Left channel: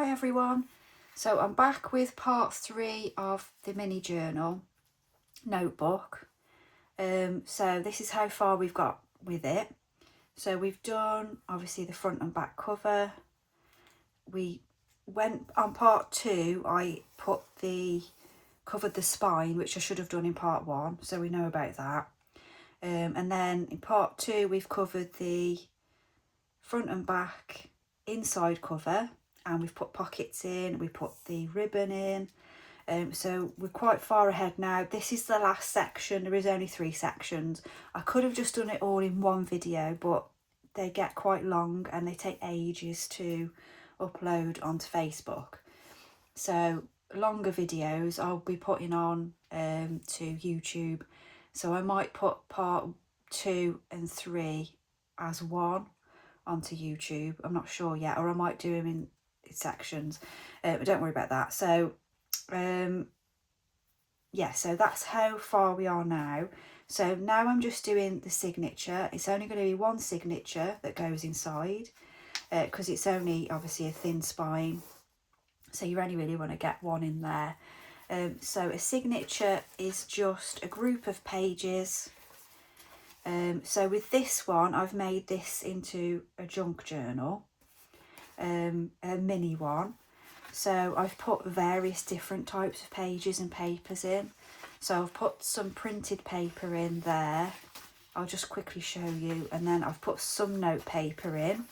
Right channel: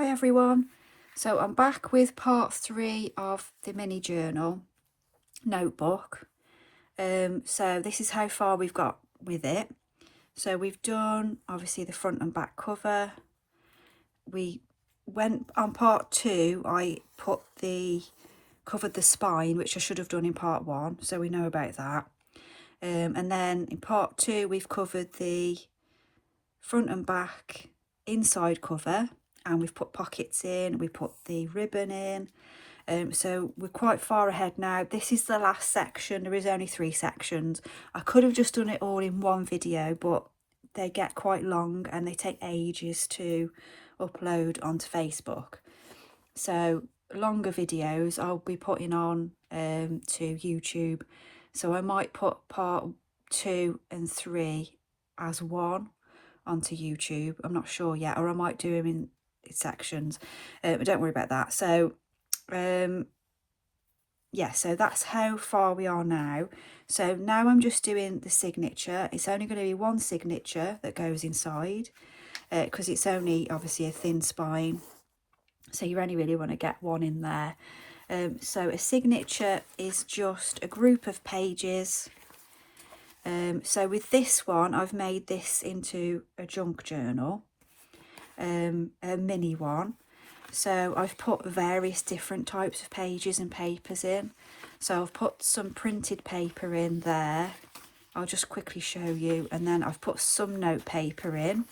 Hi everyone, so I'm back with part 3 of the mini journal notebook. So this is how far we've got with it. So we've done obviously the front and back cover. We went on part 2, I covered the spine, which I should have done in part 1, so we know about that. And then in part 2 we've covered the front and back inside cover, and we've put pockets in, we put the ribbon in, so we're quite far ahead now. This is the last section. There is only 3 sections. I could have just done it all in one video, but they get quite long and they take ages to upload onto Facebook. So longer videos I'll be putting on to YouTube, so I might put part 2 and 3 as one onto YouTube. I'm not sure yet, or I might do them in sections, but don't worry about that. So yeah, so that's how far we are now. So now I'm just doing the signature. It's only going to be one signature that goes inside, because it's only obviously a thin spine, so you only really want to get one in there. So a signature is just a group of pages. So with this one, I've made this into a junk journal, a mini one. So I've put various different types of pages and papers in. So I've put some printed paper in there. I'll just quickly show you. And then I've put some note paper in.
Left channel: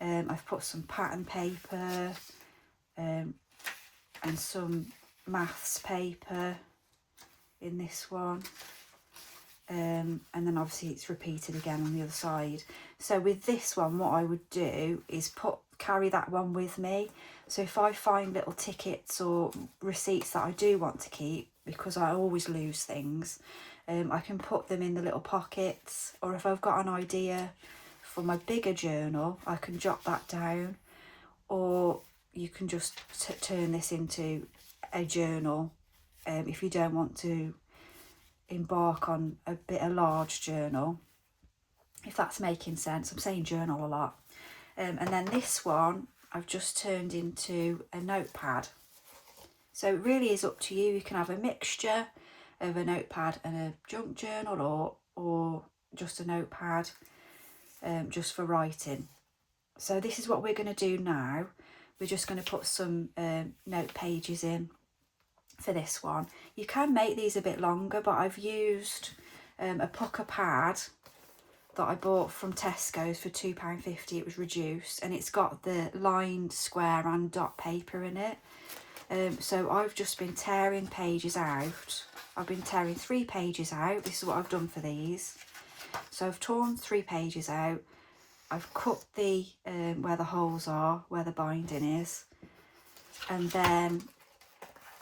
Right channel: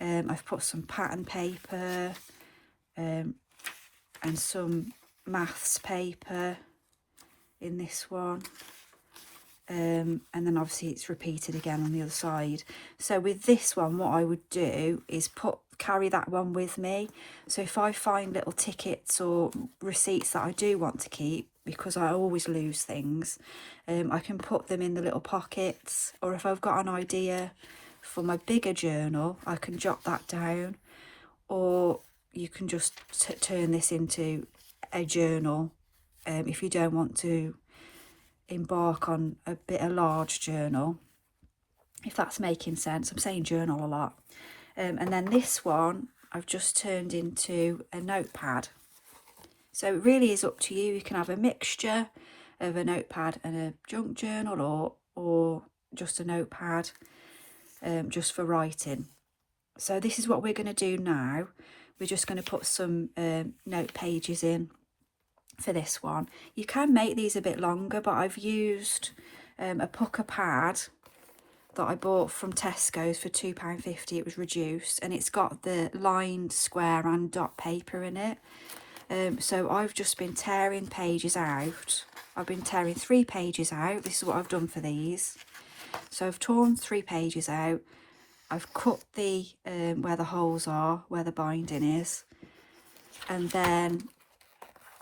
I've put some pattern paper and some maths paper in this one. And then obviously it's repeated again on the other side. So with this one, what I would do is carry that one with me. So if I find little tickets or receipts that I do want to keep, because I always lose things, I can put them in the little pockets. Or if I've got an idea for my bigger journal, I can jot that down. Or you can just turn this into a journal if you don't want to embark on a large journal, if that's making sense. I'm saying journal a lot. And then this one I've just turned into a notepad. So it really is up to you. You can have a mixture of a notepad and a junk journal, or just a notepad just for writing. So this is what we're going to do now. We're just going to put some note pages in for this one. You can make these a bit longer, but I've used a pucker pad that I bought from Tesco's for £2.50. It was reduced, and it's got the lined square and dot paper in it. So I've just been tearing pages out. I've been tearing 3 pages out. This is what I've done for these. So I've torn 3 pages out. I've cut the where the holes are, where the binding is, and then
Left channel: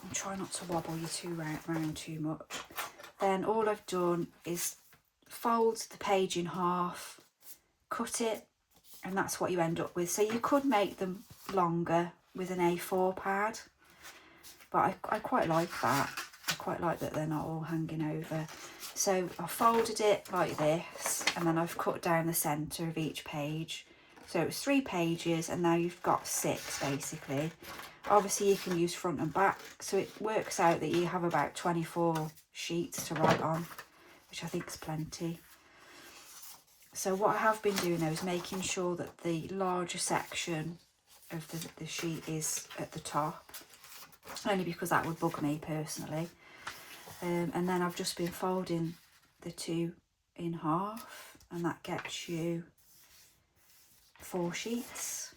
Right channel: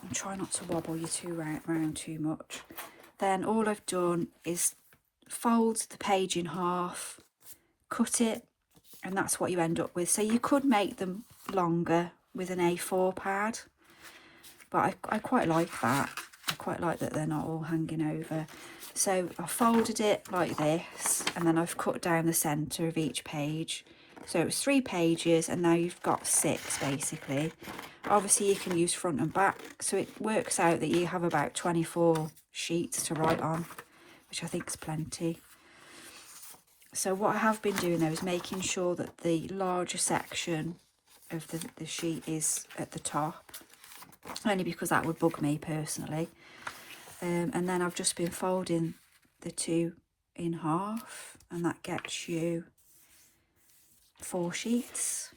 I'm trying not to wobble you round too much. Then all I've done is fold the page in half, cut it, and that's what you end up with. So you could make them longer with an A4 pad, but I quite like that. I quite like that they're not all hanging over. So I folded it like this, and then I've cut down the centre of each page. So it was 3 pages, and now you've got 6 basically. Obviously you can use front and back, so it works out that you have about 24 sheets to write on, which I think is plenty. So what I have been doing though is making sure that the larger section of the sheet is at the top, only because that would bug me personally. And then I've just been folding the 2 in half, and that gets you 4 sheets.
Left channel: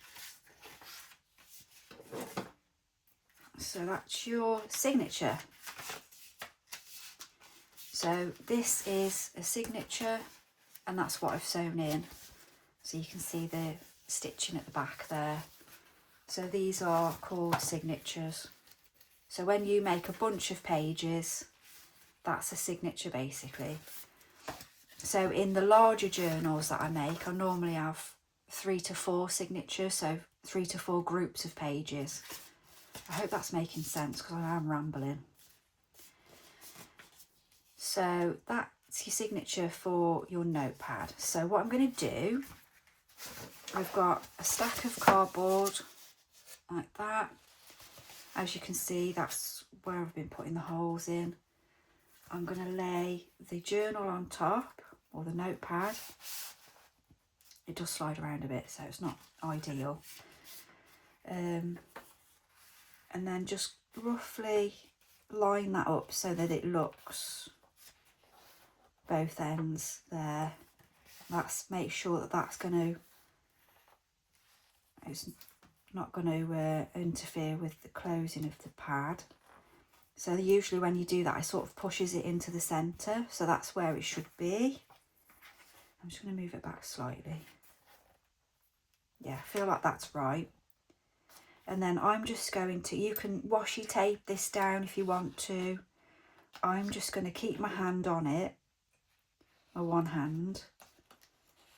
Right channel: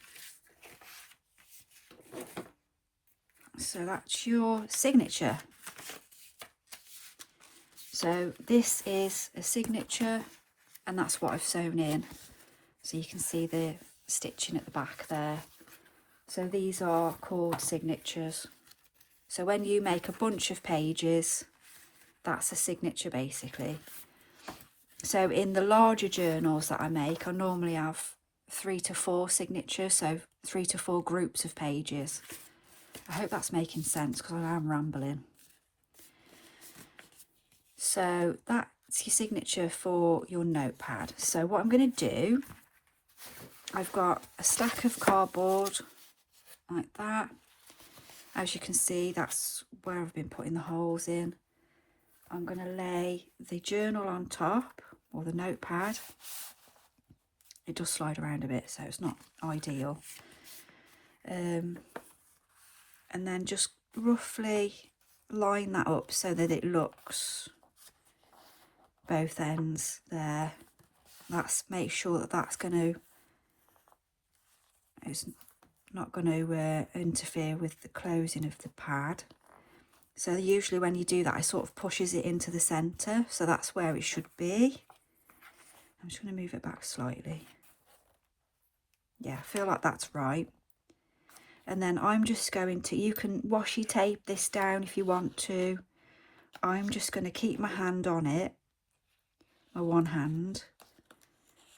So that's your signature. So this is a signature, and that's what I've sewn in. So you can see the stitching at the back there. So these are called signatures. So when you make a bunch of pages, that's a signature basically. So in the larger journals that I make, I normally have 3 to 4 signatures, so 3 to 4 groups of pages. I hope that's making sense, because I am rambling. So that's your signature for your notepad. So what I'm going to do, I've got a stack of cardboard like that. As you can see, that's where I've been putting the holes in. I'm going to lay the journal on top, or the notepad. It does slide around a bit, so it's not ideal. And then just roughly line that up so that it looks both ends there. Make sure that that's going to, it's not going to interfere with the closing of the pad. So usually when you do that, it sort of pushes it into the centre, so that's where it should be. I'm just going to move it back slightly. Yeah, I feel like that's right. And then I'm just going to, you can washi tape this down if you want to. I'm just going to keep my hand on it, my one hand,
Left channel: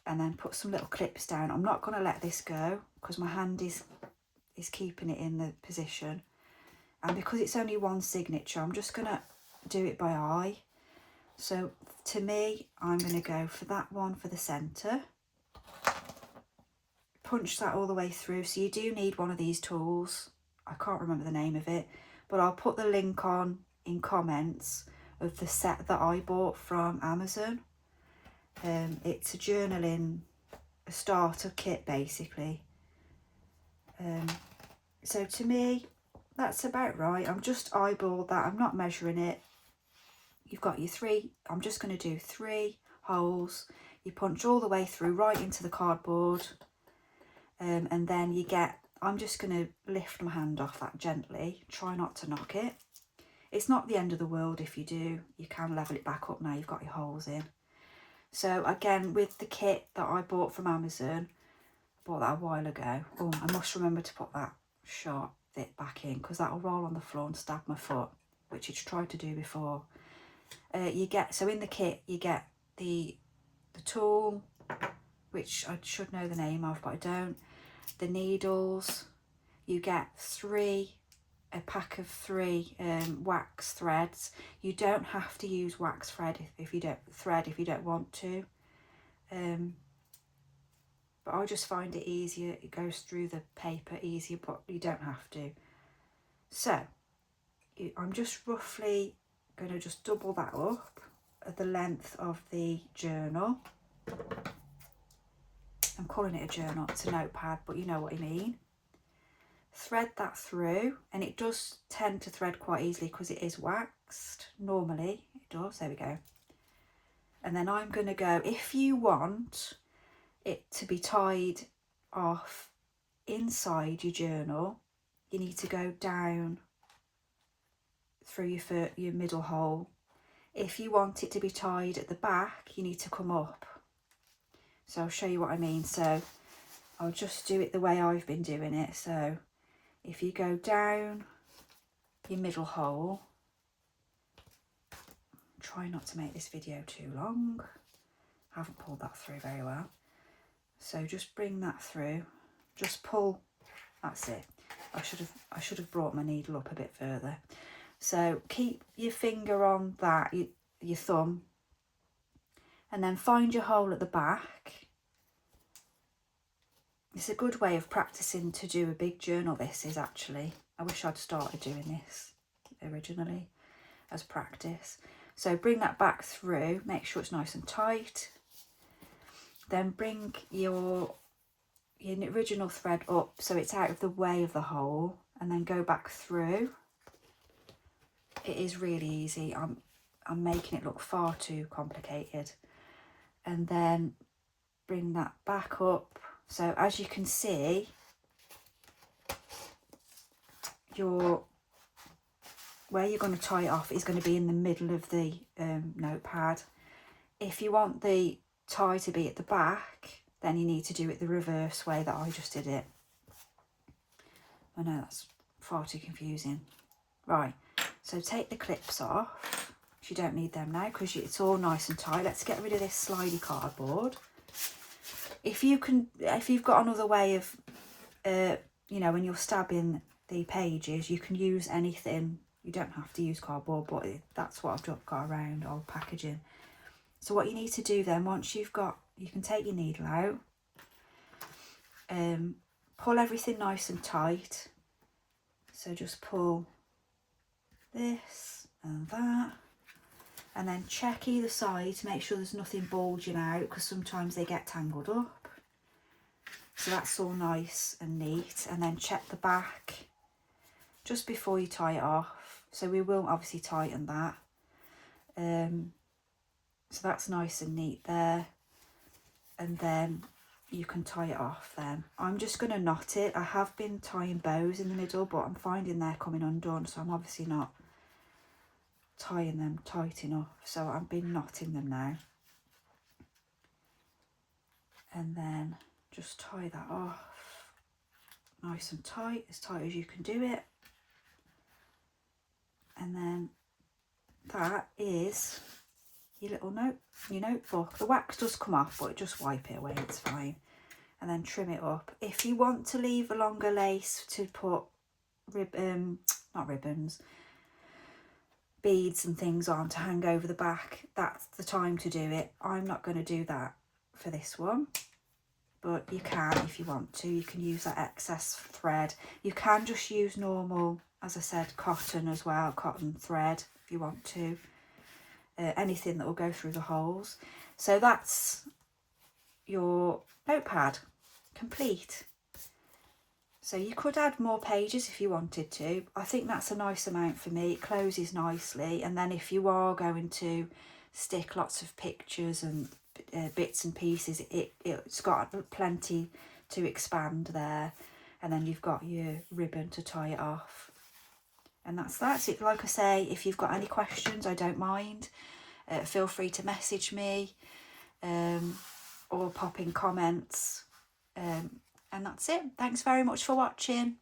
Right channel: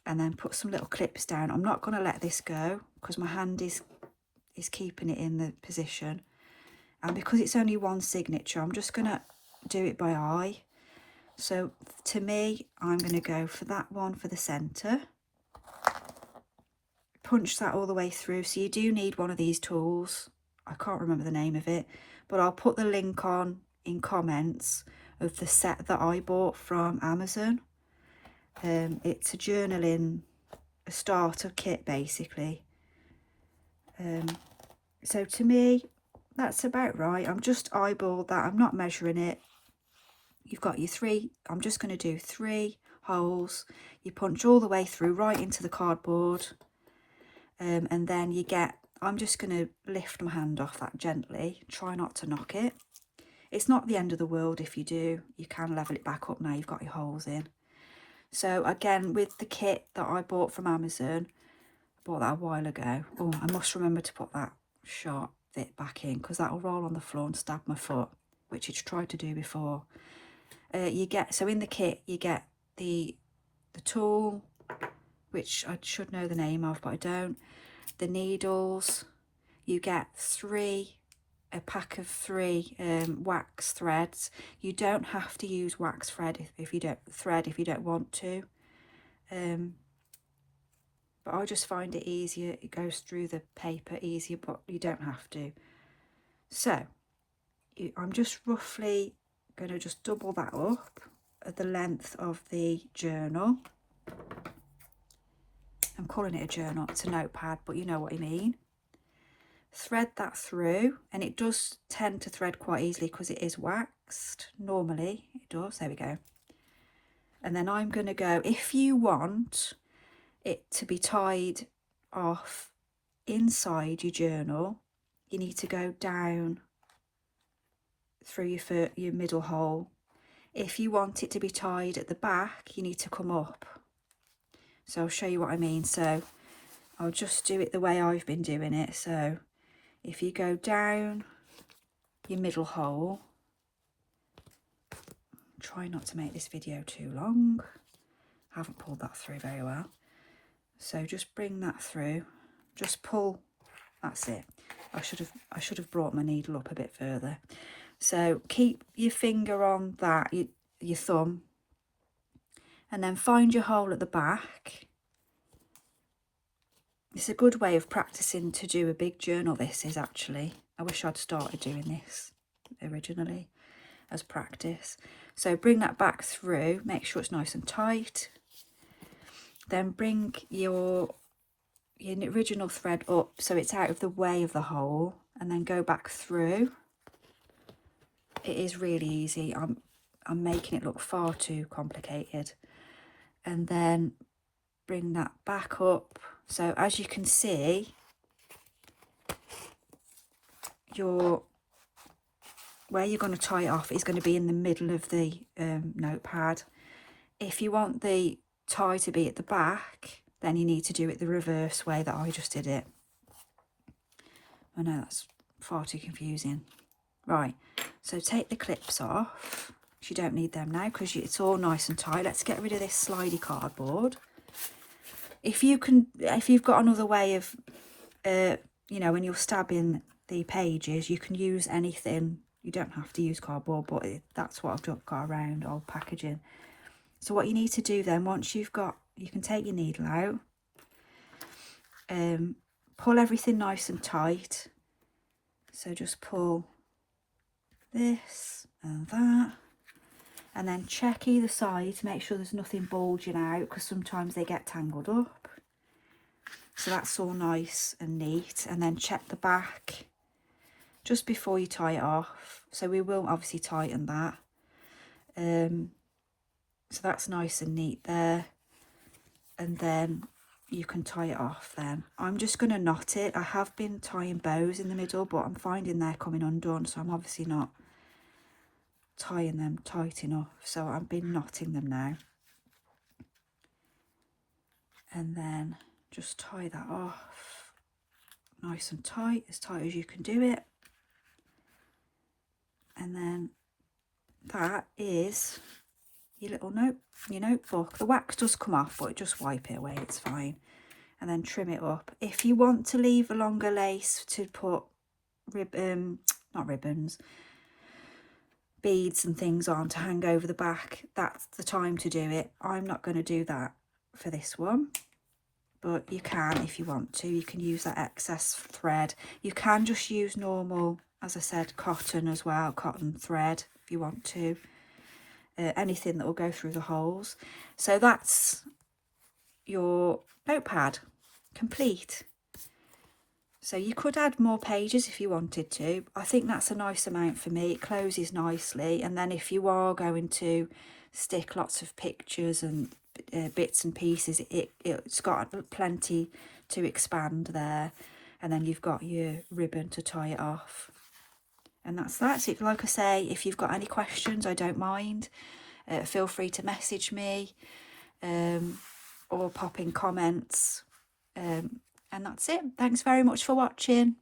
and then put some little clips down. I'm not going to let this go because my hand is keeping it in the position. And because it's only one signature, I'm just going to do it by eye. So to me, I'm going to go for that one for the centre. Punch that all the way through. So you do need one of these tools. I can't remember the name of it, but I'll put the link on in comments of the set that I bought from Amazon. It's a journaling, a starter kit basically. So to me, that's about right. I'm just eyeballed that. I'm not measuring it. You've got your 3, I'm just going to do 3 holes. You punch all the way through right into the cardboard. And then you get, I'm just going to lift my hand off that gently, try not to knock it. It's not the end of the world if you do, you can level it back up now you've got your holes in. So again, with the kit that I bought from Amazon, bought that a while ago. Oh, I must remember to put that sharp bit back in because that will roll on the floor and stab my foot, which it's tried to do before. You get, so in the kit you get the tool, which I should know the name of but I don't, the needles, you get a pack of 3 wax threads. You don't have to use wax thread if you don't want to, but I just find it easier, it goes through the paper easier, but you don't have to. So I'm just roughly going to just double that up at the length of the journal. I'm calling it a journal, it's a notepad, but you know what I mean. Thread that through, and it does tend to thread quite easily because it is waxed. Normally it does. There we go. And then I'm going to go, if you want it to be tied off inside your journal, you need to go down through your middle hole. If you want it to be tied at the back, you need to come up. So I'll show you what I mean. So I'll just do it the way I've been doing it. So if you go down your middle hole, try not to make this video too long. I haven't pulled that through very well. So just bring that through, just pull, that's it. I should have brought my needle up a bit further. So keep your finger on that, your thumb, and then find your hole at the back. It's a good way of practicing to do a big journal, this is actually. I wish I'd started doing this originally as practice. So bring that back through, make sure it's nice and tight. Then bring your original thread up so it's out of the way of the hole, and then go back through. It is really easy. I'm making it look far too complicated. And then bring that back up. So as you can see, where you're going to tie it off is going to be in the middle of the notepad. If you want the tie to be at the back, then you need to do it the reverse way that I just did it. I know that's far too confusing. Right, so take the clips off. You don't need them now because it's all nice and tight. Let's get rid of this slidey cardboard. If you've got another way of, you know, when you're stabbing the pages, you can use anything. You don't have to use cardboard, but that's what I've got around, old packaging. So what you need to do then, once you've got, you can take your needle out, pull everything nice and tight, So just pull this and that, and then check either side to make sure there's nothing bulging out, because sometimes they get tangled up. So that's all nice and neat. And then check the back just before you tie it off. So we will obviously tighten that. So that's nice and neat there. And then you can tie it off then. I'm just going to knot it. I have been tying bows in the middle, but I'm finding they're coming undone, so I'm obviously not tying them tight enough. So I've been knotting them now. And then just tie that off nice and tight as you can do it. And then that is your little notebook. The wax does come off, but just wipe it away, it's fine. And then trim it up. If you want to leave a longer lace to put not ribbons, beads and things on to hang over the back, that's the time to do it. I'm not going to do that for this one, but you can if you want to. You can use that excess thread. You can just use normal, as I said, cotton as well, cotton thread if you want to. Anything that will go through the holes. So that's your notepad complete. So you could add more pages if you wanted to. I think that's a nice amount for me. It closes nicely, and then if you are going to stick lots of pictures and bits and pieces, it's got plenty to expand there. And then you've got your ribbon to tie it off. And that's it. Like I say, if you've got any questions, I don't mind. Feel free to message me or pop in comments. And that's it. Thanks very much for watching.